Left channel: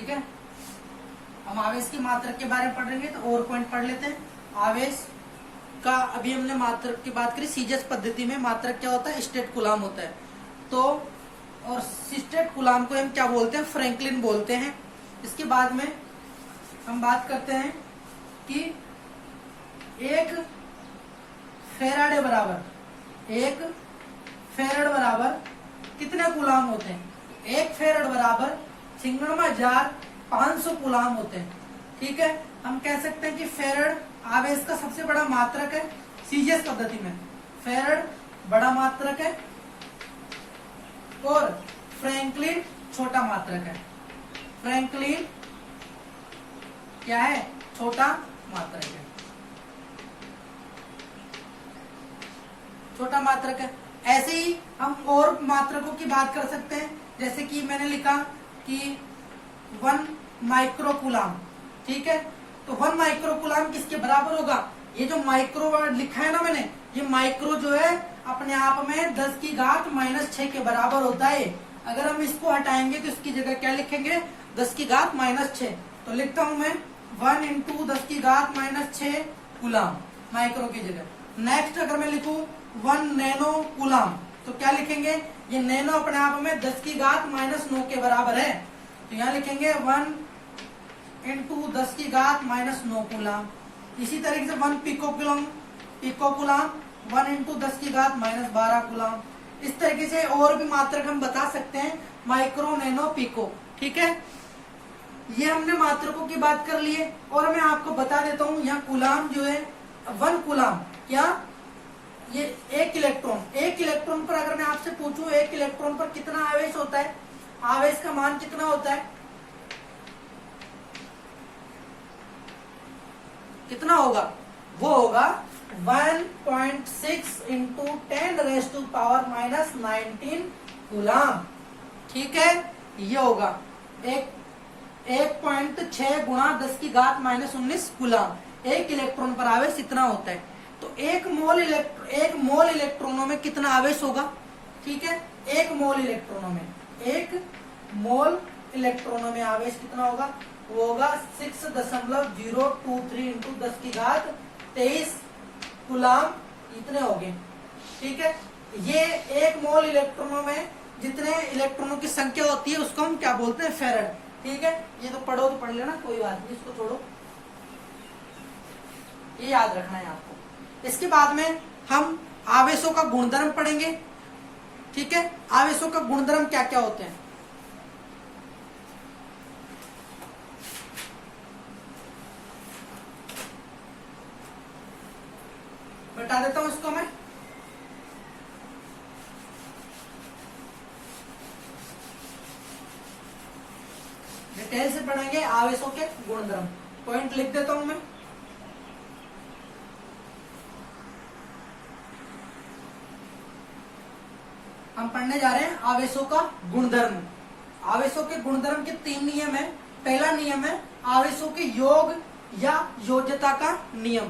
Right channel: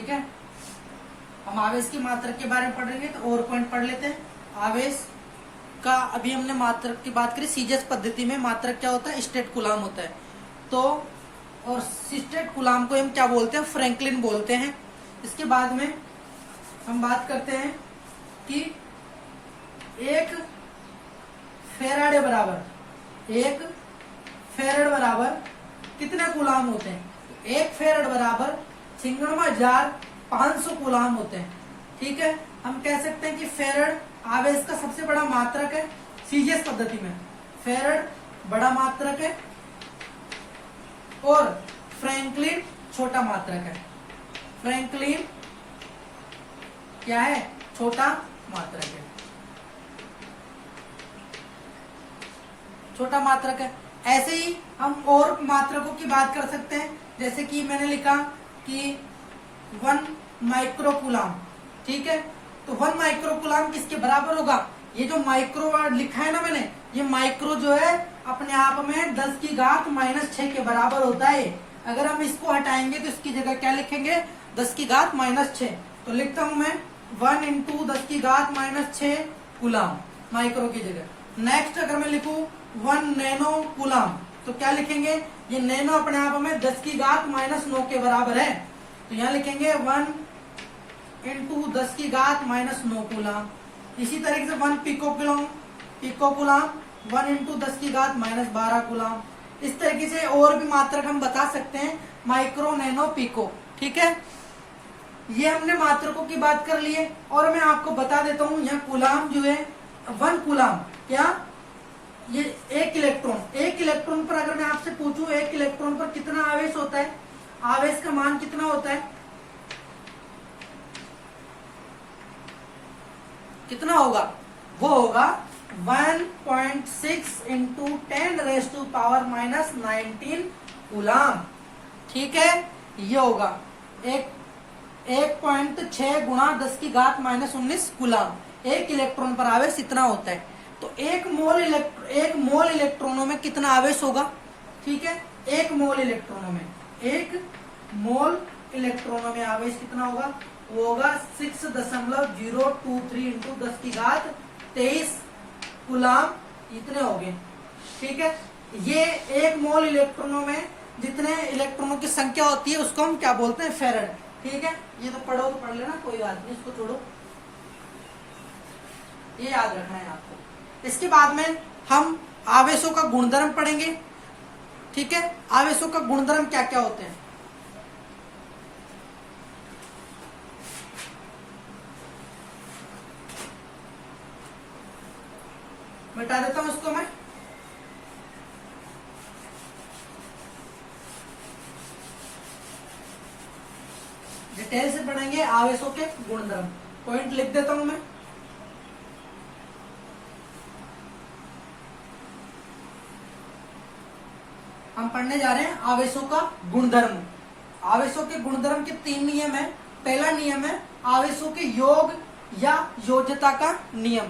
ठीक है, हम आवेश की मात्रक के बारे में पढ़ रहे हैं तो और पॉइंट पढ़ लेते हैं। आवेश का अभी हमने मात्रक की बात करी, सीजीएस पद्धति में मात्रक क्या होता है, स्टेट कूलाम होता है। तो और स्टेट कूलाम को हम क्या बोलते हैं, फ्रैंकलिन बोलते हैं। इसके बाद में हम बात करते हैं कि एक फेराडे बराबर कितने कूलाम होते हैं। एक फेराड बराबर 96,500 कूलाम होते हैं। ठीक है, हम कह सकते हैं कि फेराड आवेश का सबसे बड़ा मात्रक है सीजीएस पद्धति में। फेराड बड़ा मात्रक है और फ्रैंकलिन छोटा मात्रक है। फ्रैंकलिन क्या है, छोटा मात्रक है, छोटा मात्रक है। ऐसे ही हम और मात्रकों की बात कर सकते हैं, जैसे कि मैंने लिखा कि 1 माइक्रोकूलाम। ठीक है, तो 1 माइक्रोकूलाम किसके बराबर होगा, ये जो माइक्रो वर्ड लिखा है ना मैंने, ये माइक्रो जो है अपने आप में 10 की घात -6 के बराबर होता है। अगर हम इसको हटाएंगे तो इसकी जगह क्या लिखेंगे, 10 की घात -6। तो लिखता हूं मैं 1 × 10 की घात -6 कूलाम माइक्रो की जगह। नेक्स्ट अगर मैं लिखूं 1 नैनो कूलाम, तो क्या लिखेंगे, ये नैनो अपने आप में 10 की घात -9 के बराबर है। तो यहाँ लिखेंगे 1 × 10 की घात -9 कूलाम। इसी तरीके से 1 पिको कूलाम 1 × 10 की घात -12 कूलाम। इस तरीके से और भी मात्रक हम बता सकते हैं, माइक्रो, नैनो, पिको। ठीक है, ये हमने मात्रकों की बात कर ली है। और मैं आपको बता देता हूँ, यहाँ कूलाम जो है 1 कूलाम क्या, ये 1 इलेक्ट्रॉन पर अगर मैं आपसे पूछूं 1 इलेक्ट्रॉन पर कितना आवेश होता है, आवेश का मान कितना होता है, कितना होगा, वो होगा 1.6 × 10⁻⁻19 कूलाम। ठीक है, ये होगा 1.6 × 10 की घात -19 कूलाम। 1 इलेक्ट्रॉन पर आवेश इतना होता है। तो 1 मोल इलेक्ट्रॉनों में कितना आवेश होगा। ठीक है, 1 मोल इलेक्ट्रॉनों में आवेश कितना होगा, वो होगा 6.023 × 10 की घात 23 कूलाम, इतने हो गए। ठीक है, ये 1 मोल इलेक्ट्रॉनों में जितने इलेक्ट्रॉनों की संख्या होती है उसको हम क्या बोलते हैं, फेराड। ठीक है, ये तो पढ़ो तो पढ़ लेना, कोई बात नहीं, इसको छोड़ो, ये याद रखना है आपको। इसके बाद में हम आवेशों का गुणधर्म पढ़ेंगे। ठीक है, आवेशों का गुणधर्म क्या क्या होते हैं। बता देता हूं इसको मैं। डिटेल से पढ़ेंगे आवेशों के गुणधर्म। पॉइंट लिख देता हूं मैं। हम पढ़ने जा रहे हैं आवेशों का गुणधर्म। आवेशों के गुणधर्म के 3 नियम है। पहला नियम है आवेशों के योग या योज्यता का नियम।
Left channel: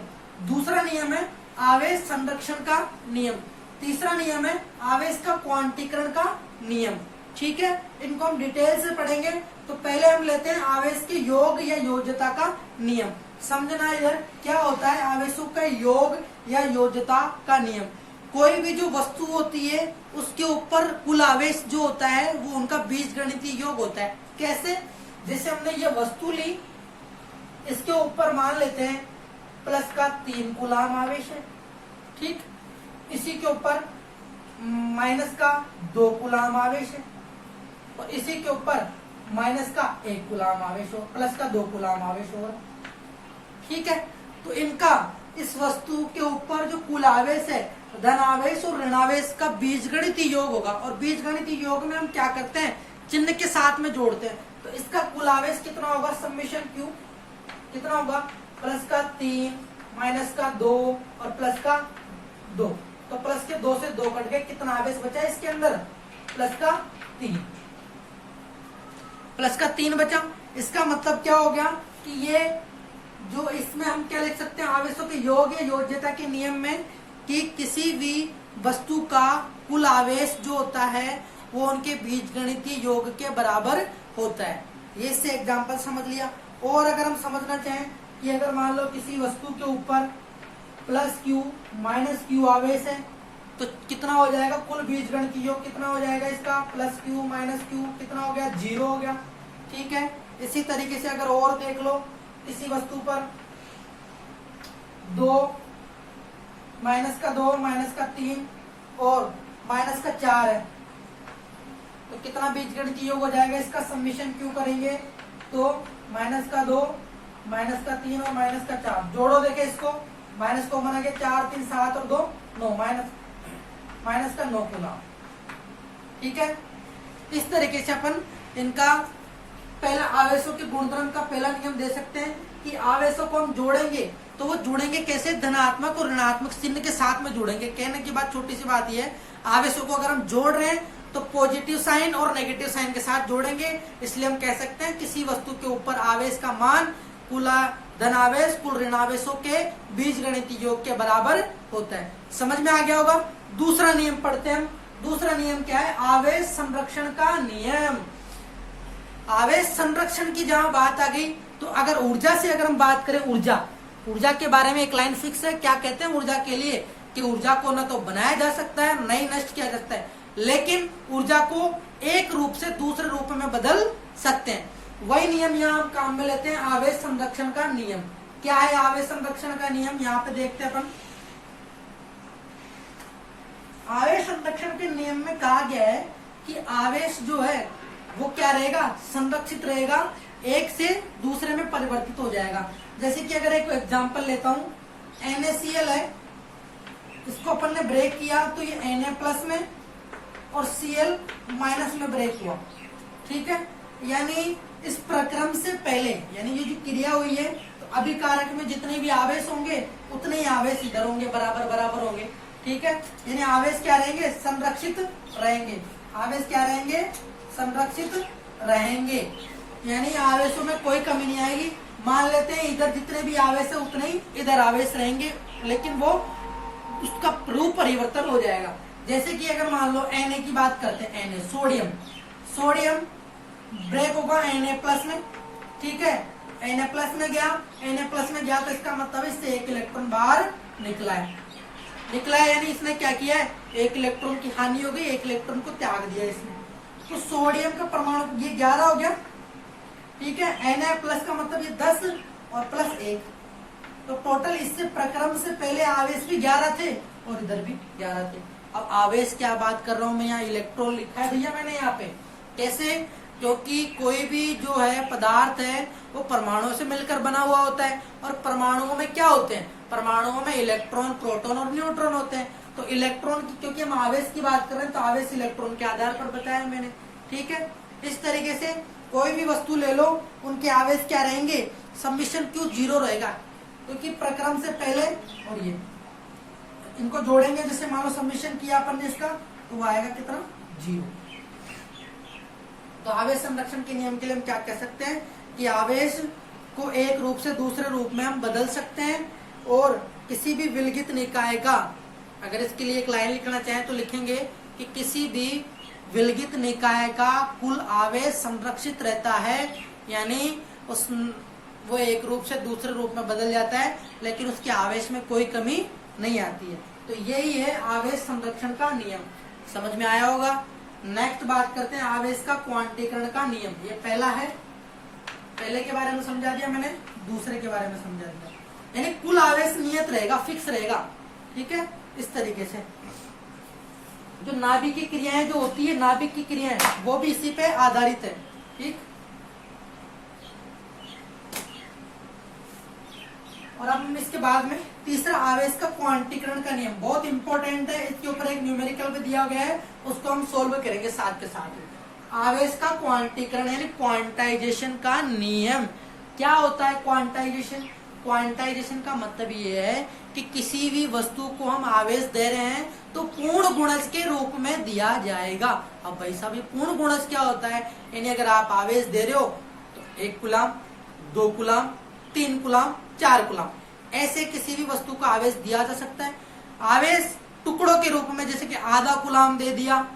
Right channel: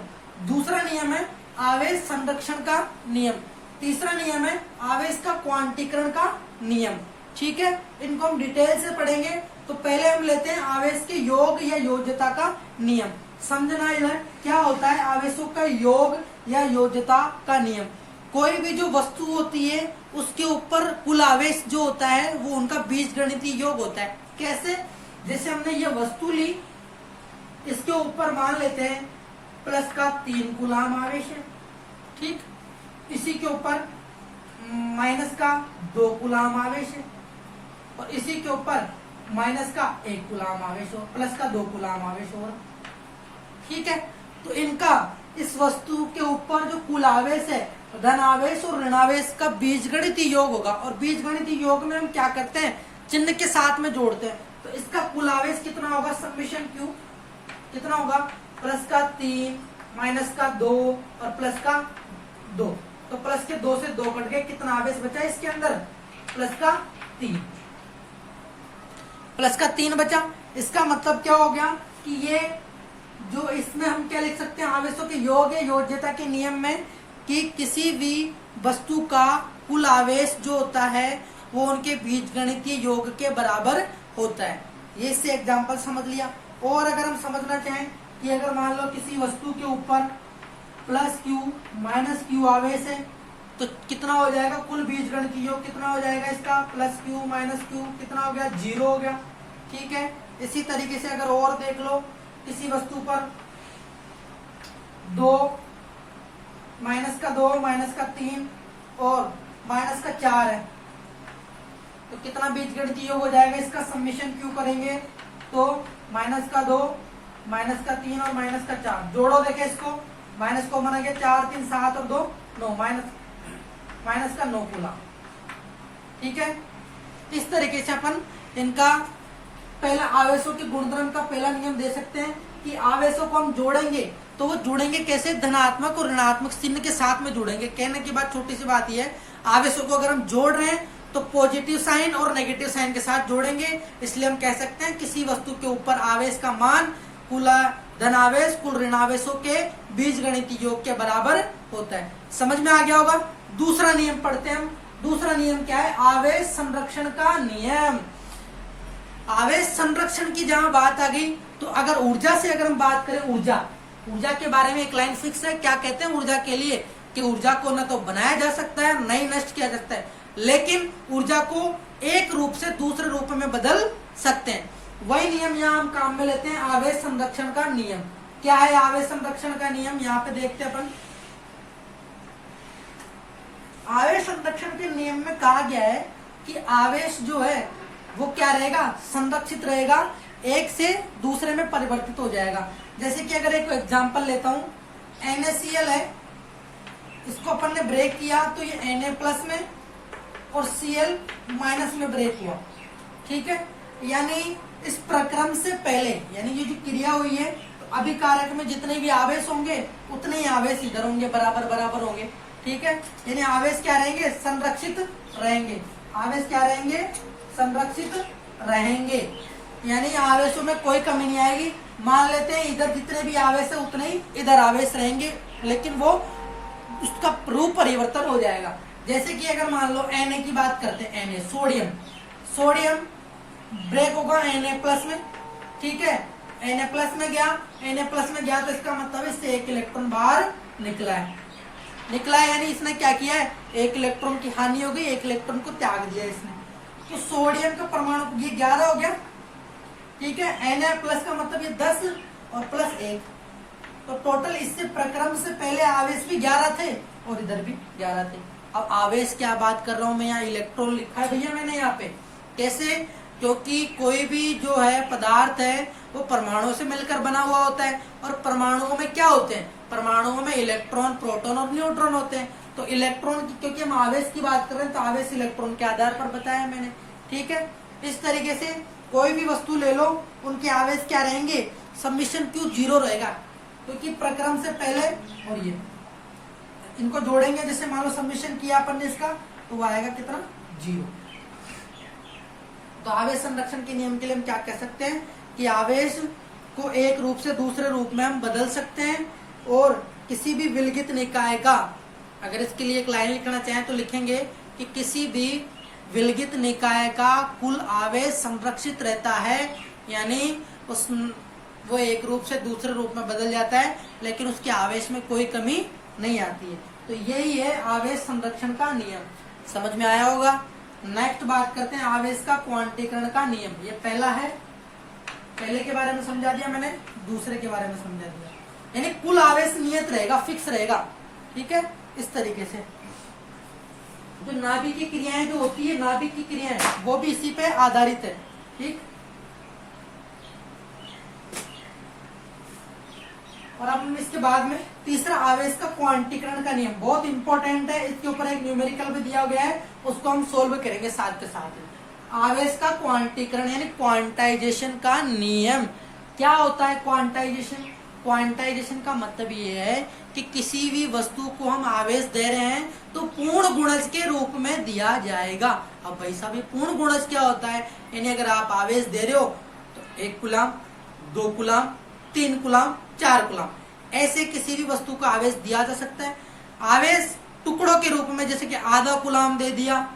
दूसरा नियम है आवेश संरक्षण का नियम। तीसरा नियम है आवेश का क्वांटीकरण का नियम। ठीक है, इनको हम डिटेल से पढ़ेंगे। तो पहले हम लेते हैं आवेश के योग या योज्यता का नियम। समझना इधर क्या होता है आवेशों का योग या योज्यता का नियम। कोई भी जो वस्तु होती है उसके ऊपर कुल आवेश जो होता है वो उनका बीजगणितीय योग होता है। कैसे, जैसे हमने ये वस्तु ली, इसके ऊपर मान लेते हैं प्लस का 3 कूलाम आवेश है। ठीक, इसी के ऊपर माइनस का 2 कूलाम आवेश है और इसी के ऊपर माइनस का 1 कूलाम आवेश हो, प्लस का 2 कूलाम आवेश हो रहा। ठीक है, तो इनका इस वस्तु के ऊपर जो कुल आवेश है धनावेश और ऋणावेश का बीजगणितीय योग होगा। और बीजगणितीय योग में हम क्या करते हैं, चिन्ह के साथ में जोड़ते हैं। तो इसका कुल आवेश कितना होगा, समेशन क्यू कितना होगा, प्लस का 3 माइनस का 2 और प्लस का 2। तो प्लस के 2 से 2 कट गए, कितना आवेश बचा इसके अंदर, प्लस का 3। प्लस का 3 बचा। इसका मतलब क्या हो गया कि ये जो इसमें हम क्या लिख सकते हैं आवेशों के योग या योज्यता के नियम में कि किसी भी वस्तु का कुल आवेश जो होता है वो उनके बीजगणितीय योग के बराबर होता है। ये इससे एग्जाम्पल समझ लिया। और अगर हम समझना चाहें कि अगर मान लो किसी वस्तु के ऊपर प्लस क्यू माइनस क्यू आवेश है तो कितना हो जाएगा, कुल बीजगण की योग कितना हो जाएगा इसका, प्लस क्यू माइनस क्यू कितना हो गया, 0 हो गया। ठीक है, इसी तरीके से अगर और देख लो, किसी वस्तु पर 2 माइनस का 2 माइनस का 3 और माइनस का 4 है तो कितना बीजगणितीय योग हो जाएगा इसका, समीशन क्यों करेंगे तो माइनस का 2 माइनस का 3 और माइनस का 4 जोड़ो, देखे इसको, माइनस को बना गया 4 3 7 और 2 9, माइनस का 9 कूलम। ठीक है, इस तरीके से अपन इनका पहला आवेशों के गुणधर्म का पहला नियम दे सकते हैं कि आवेशों को हम जोड़ेंगे तो वो जुड़ेंगे कैसे, धनात्मक और ऋणात्मक चिन्ह के साथ में जुड़ेंगे। कहने की बात छोटी सी बात यह है, आवेशों को अगर हम जोड़ रहे हैं तो पॉजिटिव साइन और नेगेटिव साइन के साथ जोड़ेंगे। इसलिए हम कह सकते हैं किसी वस्तु के ऊपर आवेश का मान कुल धनावेश कुल ऋणावेशों के बीजगणितीय योग के बराबर होता है। समझ में आ गया होगा। दूसरा नियम पढ़ते हैं हम। दूसरा नियम क्या है, आवेश संरक्षण का नियम। आवेश संरक्षण की जहां बात आ गई तो अगर ऊर्जा से अगर हम बात करें, ऊर्जा के बारे में एक लाइन फिक्स है, क्या कहते हैं ऊर्जा के लिए कि ऊर्जा को न तो बनाया जा सकता है न ही नष्ट किया जा सकता है, लेकिन ऊर्जा को एक रूप से दूसरे रूप में बदल सकते हैं। वही नियम यहाँ हम काम में लेते हैं, आवेश संरक्षण का नियम। क्या है आवेश संरक्षण का नियम, यहाँ पे देखते हैं अपन। आवेश संरक्षण के नियम में कहा गया है कि आवेश जो है वो क्या रहेगा, संरक्षित रहेगा, एक से दूसरे में परिवर्तित हो जाएगा। जैसे कि अगर एक एग्जांपल लेता हूं, NaCl है, इसको अपन ने ब्रेक किया तो ये Na प्लस में और Cl माइनस में ब्रेक हुआ। ठीक है, यानी इस प्रक्रम से पहले, यानी ये जो क्रिया हुई है तो अभिकारक में जितने भी आवेश होंगे उतने ही आवेश इधर होंगे, बराबर बराबर होंगे। ठीक है, यानी आवेश क्या रहेंगे, संरक्षित रहेंगे। आवेश क्या रहेंगे, संरक्षित रहेंगे, यानी आवेशों में कोई कमी नहीं आएगी। मान लेते हैं इधर जितने भी आवेश है उतने ही इधर आवेश रहेंगे, लेकिन वो उसका रूप परिवर्तन हो जाएगा। जैसे कि अगर मान लो Na की बात करते हैं, Na सोडियम ब्रेक होगा Na प्लस में। ठीक है, Na प्लस में गया तो इसका मतलब इससे एक इलेक्ट्रॉन बाहर निकला है, यानी इसने क्या किया है, एक इलेक्ट्रॉन की हानि हो गई, एक इलेक्ट्रॉन को त्याग दिया इसने। तो सोडियम का परमाणु ये 11 हो गया। ठीक है, Na प्लस का मतलब ये 10 और प्लस 1, तो टोटल इससे प्रक्रम से पहले आवेश भी 11 थे और इधर भी 11 थे। अब आवेश क्या बात कर रहा हूं मैं, यहाँ इलेक्ट्रॉन लिखा है भैया मैंने यहाँ पे। कैसे, क्योंकि कोई भी जो है पदार्थ है वो परमाणुओं से मिलकर बना हुआ होता है, और परमाणुओं में क्या होते हैं, परमाणुओं में इलेक्ट्रॉन, प्रोटॉन और न्यूट्रॉन होते हैं। तो इलेक्ट्रॉन की, क्योंकि हम आवेश की बात कर रहे हैं तो आवेश इलेक्ट्रॉन के आधार पर बताया मैंने। ठीक है, इस तरीके से कोई भी वस्तु ले लो, उनके आवेश क्या रहेंगे, समीशन क्यू 0 रहेगा, क्योंकि प्रक्रम से पहले, और ये इनको जोड़ेंगे, जैसे मान लो समीशन किया अपन ने इसका, तो वो आएगा कितना, 0। तो आवेश संरक्षण के नियम के लिए हम क्या कह सकते हैं कि आवेश को एक रूप से दूसरे रूप में हम बदल सकते हैं, और किसी भी विलगित निकाय का, अगर इसके लिए एक लाइन लिखना चाहें तो लिखेंगे कि किसी भी विलगित निकाय का कुल आवेश संरक्षित रहता है, यानी वो एक रूप से दूसरे रूप में बदल जाता है, लेकिन उसके आवेश में कोई कमी नहीं आती है। तो यही है आवेश संरक्षण का नियम। समझ में आया होगा। नेक्स्ट बात करते हैं आवेश का क्वांटीकरण का नियम। ये पहला है, पहले के बारे में समझा दिया मैंने, दूसरे के बारे में समझा दिया। यानी कुल आवेश नियत रहेगा, फिक्स रहेगा। ठीक है, इस तरीके से जो नाभिक की क्रियाएं जो होती है, नाभिक की क्रियाएं वो भी इसी पे आधारित है। ठीक, और अब हम इसके बाद में तीसरा आवेश का क्वांटीकरण का नियम, बहुत इंपॉर्टेंट है। इसके ऊपर एक न्यूमेरिकल भी दिया गया है, उसको हम सोल्व करेंगे साथ के साथ। आवेश का क्वांटीकरण यानी क्वांटाइजेशन का नियम। क्या होता है क्वांटाइजेशन? क्वांटाइजेशन का मतलब ये है कि किसी भी वस्तु को हम आवेश दे रहे हैं तो पूर्ण गुणज के रूप में दिया जाएगा। अब भाई साहब, ये पूर्ण गुणज क्या होता है? यानी अगर आप आवेश दे रहे हो तो 1 कूलम, 2 कूलम, 3 कूलम, 4 कूलम, ऐसे किसी भी वस्तु को आवेश दिया जा सकता है। आवेश टुकड़ों के रूप में, जैसे कि आधा कूलम दे दिया,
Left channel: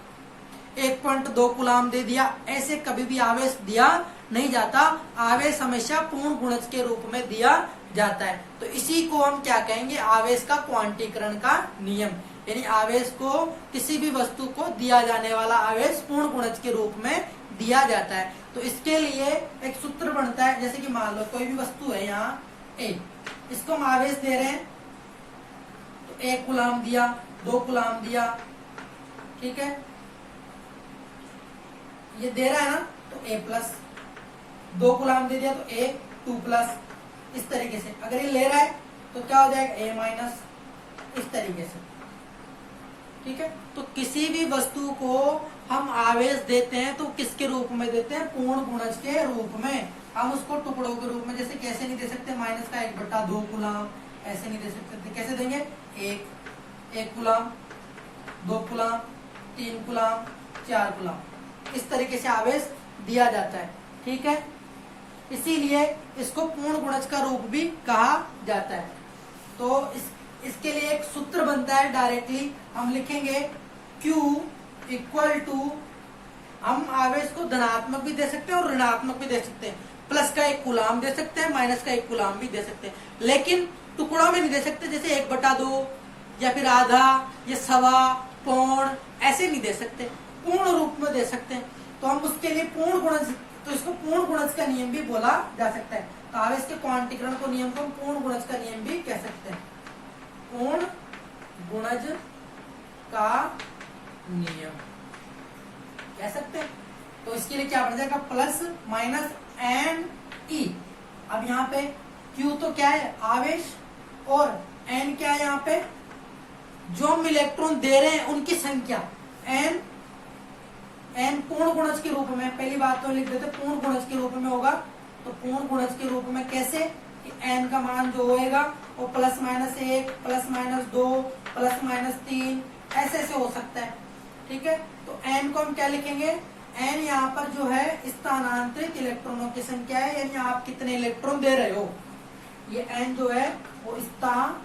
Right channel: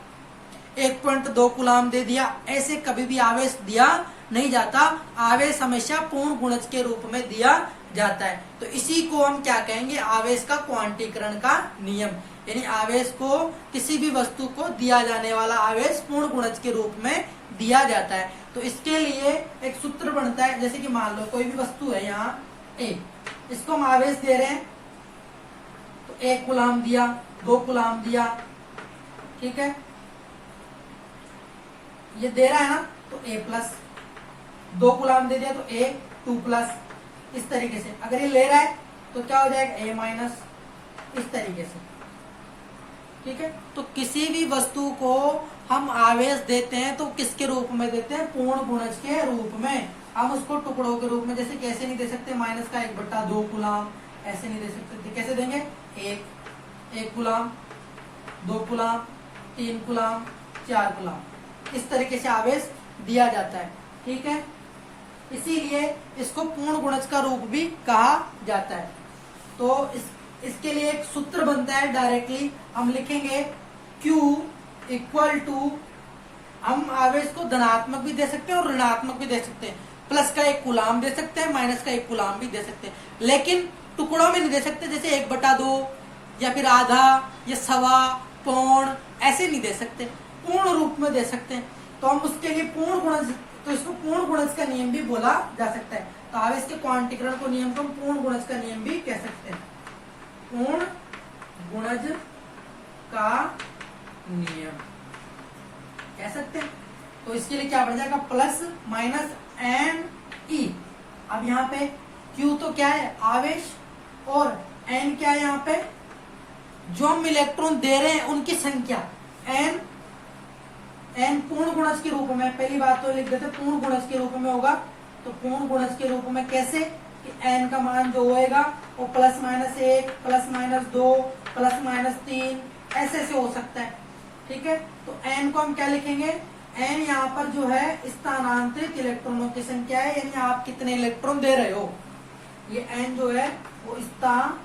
1.2 कूलम दे दिया, ऐसे कभी भी आवेश दिया नहीं जाता, आवेश हमेशा पूर्ण गुणज के रूप में दिया जाता है। तो इसी को हम क्या कहेंगे, आवेश का क्वांटीकरण का नियम। यानी आवेश को, किसी भी वस्तु को दिया जाने वाला आवेश पूर्ण गुणज के रूप में दिया जाता है। तो इसके लिए एक सूत्र बनता है, जैसे कि मान लो कोई भी वस्तु है यहाँ ए, इसको हम आवेश दे रहे हैं, तो 1 कूलाम दिया, 2 कूलाम दिया, ठीक है, ये दे रहा है ना, तो A प्लस, 2 कूलाम दे दिया तो A 2 प्लस, इस तरीके से। अगर ये ले रहा है तो क्या हो जाएगा, A माइनस, इस तरीके से, ठीक है। तो किसी भी वस्तु को हम आवेश देते हैं तो किसके रूप में देते हैं, पूर्ण गुणज के रूप में। हम उसको टुकड़ों के रूप में, जैसे कैसे नहीं दे सकते, माइनस का 1/2 कूलाम, ऐसे नहीं दे सकते। कैसे देंगे, 1 कूलाम, 2 कूलाम, 3 कूलाम, 4 कूलाम, इस तरीके से आवेश दिया जाता है, ठीक है। इसीलिए इसको पूर्ण गुणज का रूप भी कहा जाता है। तो इसके लिए एक सूत्र बनता है, डायरेक्टली हम लिखेंगे Q इक्वल टू, हम आवेश को धनात्मक भी दे सकते हैं और ऋणात्मक भी दे सकते हैं। प्लस का 1 कूलाम दे सकते हैं, माइनस का 1 कूलाम भी दे सकते हैं, लेकिन टुकड़ों में नहीं दे सकते, जैसे 1/2 या फिर आधा या सवा, पौन, ऐसे नहीं दे सकते, पूर्ण रूप में दे सकते हैं। तो हम उसके लिए पूर्ण गुणज, तो इसको पूर्ण गुणज का नियम भी बोला जा सकता है। तो आवेश के क्वांटीकरण को नियम को हम पूर्ण गुणज का नियम भी कह सकते हैं, पूर्ण गुणज का नियम कह सकते हैं। तो इसके लिए क्या बन जाएगा, प्लस माइनस एन ई। अब यहाँ पे Q तो क्या है, आवेश, और N क्या है, यहाँ पे जो हम इलेक्ट्रॉन दे रहे हैं उनकी संख्या, N पूर्ण गुणज के रूप में, पहली बात तो लिख देते पूर्ण गुणज के रूप में होगा। तो पूर्ण गुणज के रूप में कैसे, कि N का मान जो होएगा वो +-1, +-2, +-3, ऐसे से हो सकता है, ठीक है। तो N को हम क्या लिखेंगे, N यहाँ पर जो है स्थानांतरित इलेक्ट्रॉनों की संख्या है, यानी आप कितने इलेक्ट्रॉन दे रहे हो। ये N जो है वो स्थानांतरित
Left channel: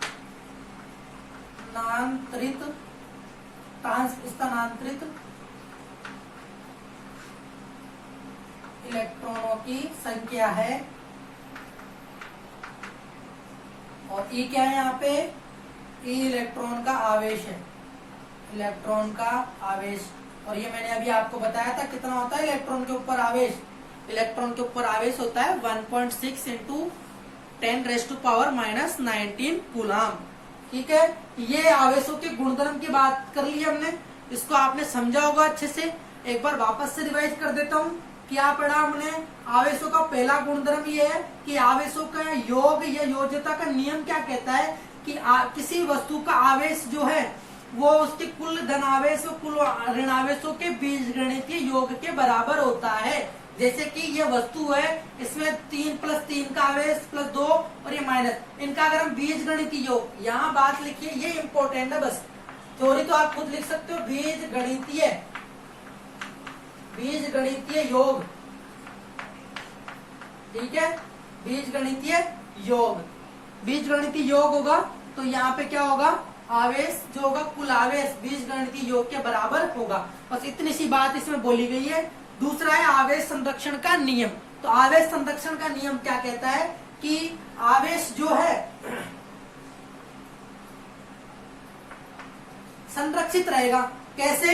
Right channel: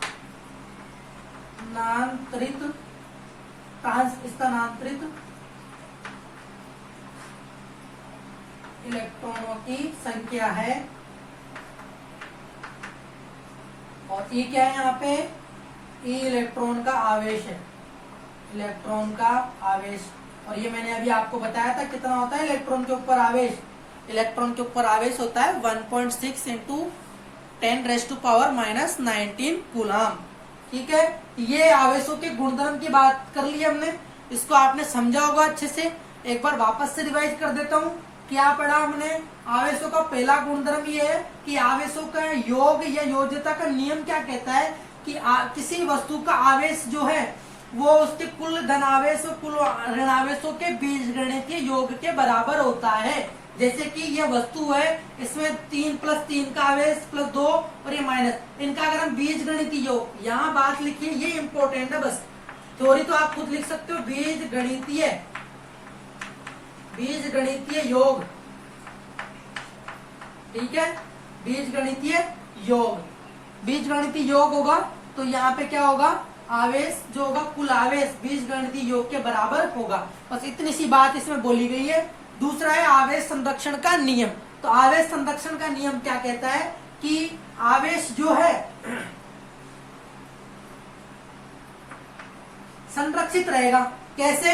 इलेक्ट्रॉनों की संख्या है, और E क्या है यहाँ पे, E इलेक्ट्रॉन का आवेश है, इलेक्ट्रॉन का आवेश। और ये मैंने अभी आपको बताया था कितना होता है इलेक्ट्रॉन के ऊपर आवेश। इलेक्ट्रॉन के ऊपर आवेश होता है 1.6 × 10⁻⁻19 कूलाम, ठीक है। ये आवेशों के गुणधर्म की बात कर ली हमने, इसको आपने समझा होगा अच्छे से। एक बार वापस से रिवाइज कर देता हूँ। क्या पढ़ा हमने, आवेशों का पहला गुणधर्म ये है कि आवेशों का योग या योज्यता का नियम क्या कहता है कि किसी वस्तु का आवेश जो है वो उसके कुल धनावेश और कुल ऋणावेशों के बीजगणितीय योग के बराबर होता है। जैसे कि ये वस्तु है, इसमें 3 + 3 का आवेश +2 और ये माइनस, इनका अगर हम बीजगणितीय योग, यहाँ बात लिखिए, ये इंपॉर्टेंट है, बस थ्योरी तो आप खुद लिख सकते हो, बीजगणितीय योग, ठीक है। बीजगणितीय योग होगा तो यहाँ पे क्या होगा, आवेश जो होगा, कुल आवेश बीजगणितीय योग के बराबर होगा। बस इतनी सी बात इसमें बोली गई है। दूसरा है आवेश संरक्षण का नियम। तो आवेश संरक्षण का नियम क्या कहता है कि आवेश जो है संरक्षित रहेगा। कैसे,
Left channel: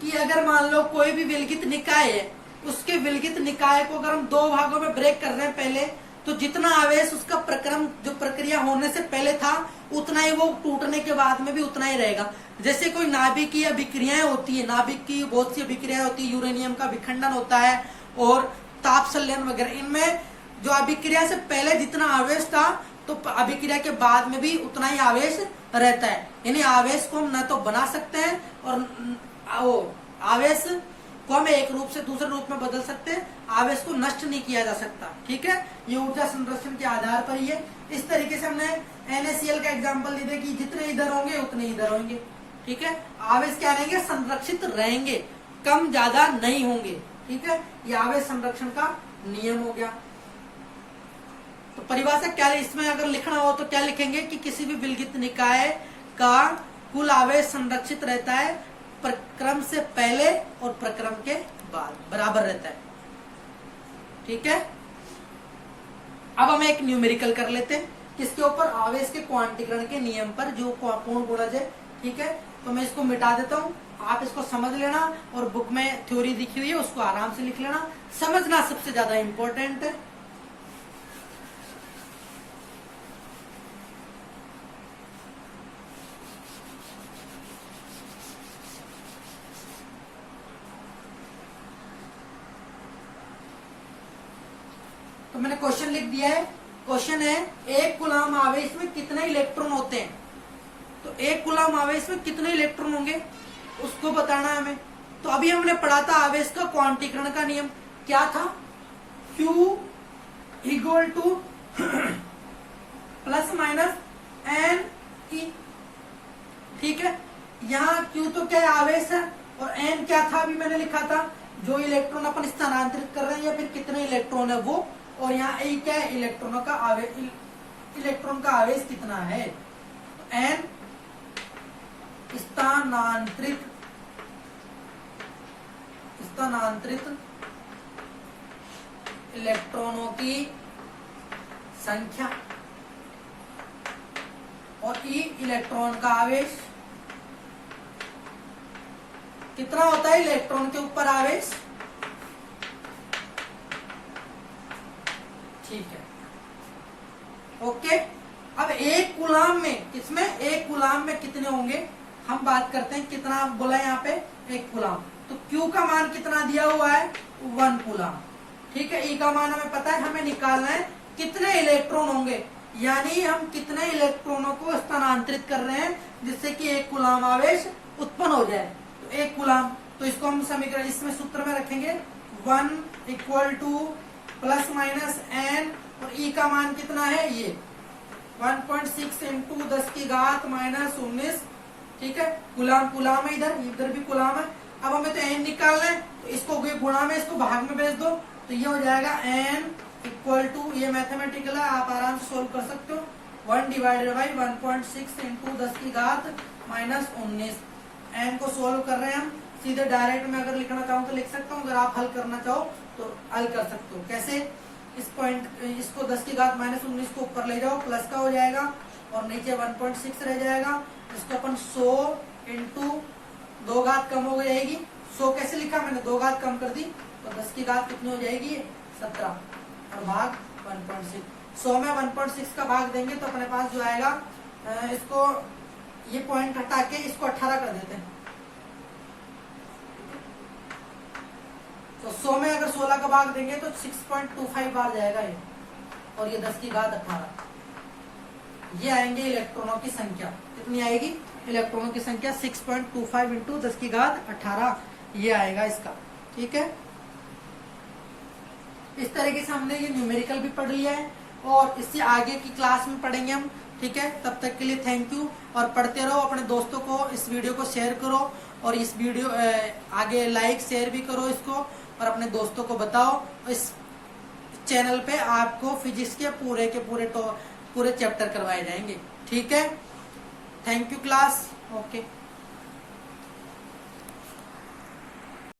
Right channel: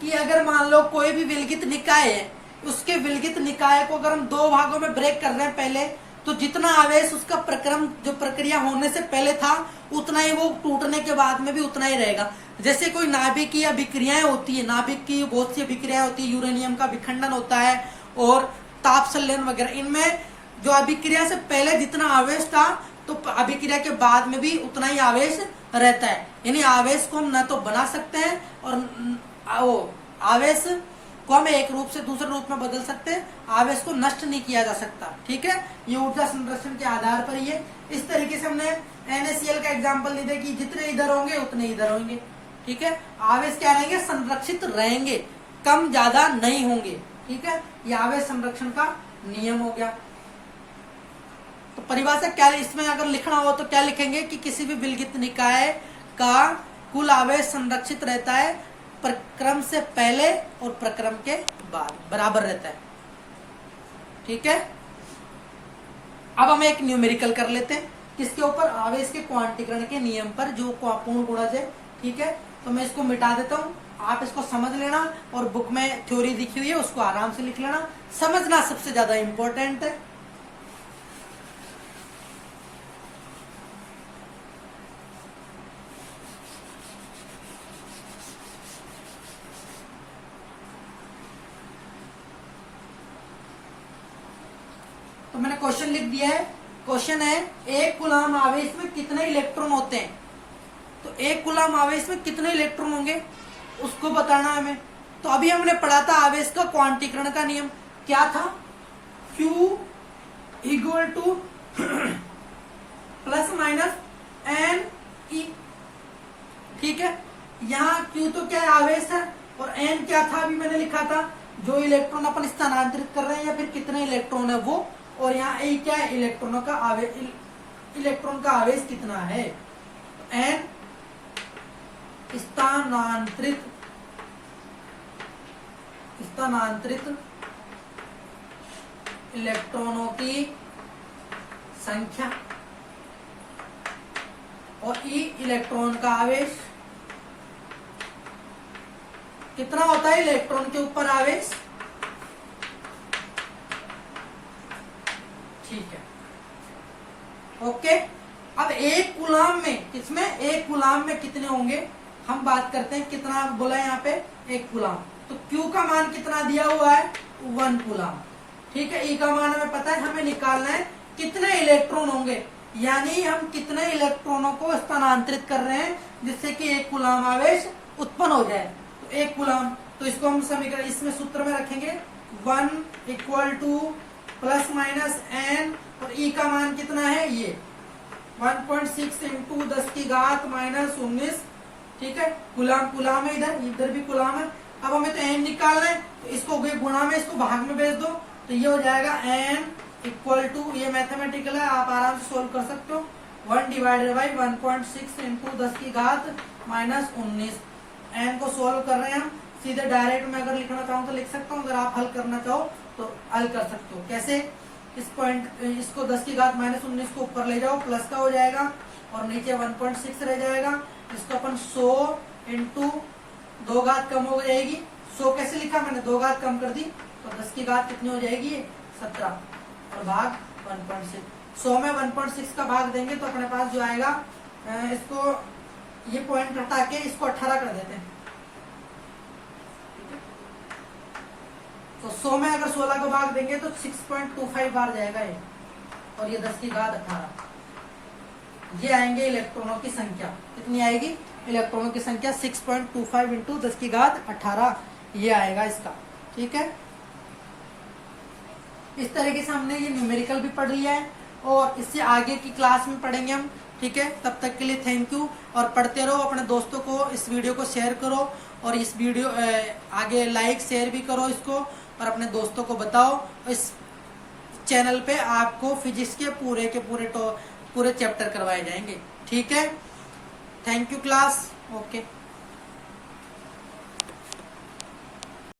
कि अगर मान लो कोई भी विलगित निकाय है, उसके विलगित निकाय को अगर हम 2 भागों में ब्रेक कर रहे हैं पहले, तो जितना आवेश उसका प्रक्रम, जो प्रक्रिया होने से पहले था, उतना ही वो टूटने के बाद में भी उतना ही रहेगा। जैसे कोई नाभिकीय अभिक्रियाएं होती है, नाभिक की बहुत सी अभिक्रियाएं होती है, यूरेनियम का विखंडन होता है और ताप संलयन वगैरह, इनमें जो अभिक्रिया से पहले जितना आवेश था, तो अभिक्रिया के बाद में भी उतना ही आवेश रहता है। यानी आवेश को हम न तो बना सकते हैं और वो आवेश को हम एक रूप से दूसरे रूप में बदल सकते हैं, आवेश को नष्ट नहीं किया जा सकता, ठीक है। ये ऊर्जा संरक्षण के आधार पर ही है। इस तरीके से हमने NaCl का एग्जांपल दे दिया कि जितने इधर होंगे उतने इधर होंगे, ठीक है। आवेश क्या रहेंगे, संरक्षित रहेंगे, कम ज्यादा नहीं होंगे, ठीक है। ये आवेश संरक्षण का नियम हो गया। तो परिभाषा क्या, इसमें अगर लिखना हो तो क्या लिखेंगे कि किसी भी विलगित निकाय का कुल आवेश संरक्षित रहता है, प्रक्रम से पहले और प्रक्रम के बाद बराबर रहता है। ठीक है। अब हम एक न्यूमेरिकल कर लेते हैं किसके ऊपर, आवेश के क्वांटीकरण के नियम पर, जो पूर्ण गुणज है। ठीक है, तो मैं इसको मिटा देता हूं, आप इसको समझ लेना और बुक में थ्योरी दिखी हुई है उसको आराम से लिख लेना, समझना सबसे ज्यादा इंपॉर्टेंट है। तो मैंने क्वेश्चन लिख दिया है। क्वेश्चन है एक कूलाम आवेश में कितने इलेक्ट्रॉन होते हैं। तो एक कूलाम आवेश में कितने इलेक्ट्रॉन होंगे उसको बताना है हमें। तो अभी हमने पढ़ा था आवेश का क्वांटीकरण का नियम क्या था, Q equal to plus minus n e. ठीक है, यहाँ Q तो क्या है, आवेश है, और N क्या था अभी मैंने लिखा था, जो इलेक्ट्रॉन अपन स्थानांतरित कर रहे हैं या फिर कितने इलेक्ट्रॉन है वो, और यहाँ E क्या है, इलेक्ट्रॉनों का आवेश, इलेक्ट्रॉन का आवेश कितना है। N स्थानांतरित इलेक्ट्रॉनों की संख्या और E इलेक्ट्रॉन का आवेश कितना होता है, इलेक्ट्रॉन के ऊपर आवेश। ठीक है, ओके। अब एक कूलाम में, किसमें, एक कूलाम में कितने होंगे हम बात करते हैं। कितना बोला है यहाँ पे, एक कूलाम। तो Q का मान कितना दिया हुआ है, 1 कूलाम। ठीक है, E का मान हमें पता है, हमें निकालना है कितने इलेक्ट्रॉन होंगे, यानी हम कितने इलेक्ट्रॉनों को स्थानांतरित कर रहे हैं जिससे कि एक कूलाम आवेश उत्पन्न हो जाए। तो एक कूलाम, तो इसको हम समीकरण इसमें सूत्र में रखेंगे 1 equal to plus minus n, और E का मान कितना है, ये 1.6 इंटू 10 की घात माइनस 19। ठीक है, कूलाम कूलाम है, इधर भी कूलाम है। अब हमें तो एन निकालना है, तो इसको गुणा में, इसको भाग में भेज दो, तो ये हो जाएगा एन इक्वल टू, ये मैथमेटिकल है, आप आराम से सोल्व कर सकते हो, 1 डिवाइडेड बाई 1.6 इंटू 10 की घात माइनस 19। एन को सोल्व कर रहे हैं हम, सीधे डायरेक्ट में अगर लिखना चाहूँ तो लिख सकता हूँ, अगर आप हल करना चाहो तो हल कर सकते हो। कैसे, इस पॉइंट, इसको 10 की घात माइनस 19 को ऊपर ले जाओ, प्लस का हो जाएगा, और नीचे 1.6 रह जाएगा। इसको अपन 100 इंटू 2 घात कम हो जाएगी, 100 कैसे लिखा मैंने, 2 घात कम कर दी, तो 10 की घात कितनी हो जाएगी, 17, और भाग 1.6। 100 में 1.6 का भाग देंगे तो अपने पास जो आएगा, इसको ये पॉइंट हटा के इसको 18 कर देते हैं। तो 100 में अगर 16 का भाग देंगे तो 6.25 बार जाएगा ये, और ये 10 की घात 18। ये आएंगे इलेक्ट्रॉनों की संख्या, कितनी आएगी, इलेक्ट्रॉनों की संख्या 6.25 इंटू 10 की घात 18, ये आएगा इसका। ठीक है, इस तरीके से हमने ये न्यूमेरिकल भी पढ़ लिया है, और इससे आगे की क्लास में पढ़ेंगे हम। ठीक है, तब तक के लिए थैंक यू, और पढ़ते रहो, अपने दोस्तों को इस वीडियो को शेयर करो, और इस वीडियो आगे लाइक शेयर भी करो इसको, और अपने दोस्तों को बताओ। इस चैनल पे आपको फिजिक्स के पूरे चैप्टर करवाए जाएंगे। ठीक है, थैंक यू क्लास, ओके।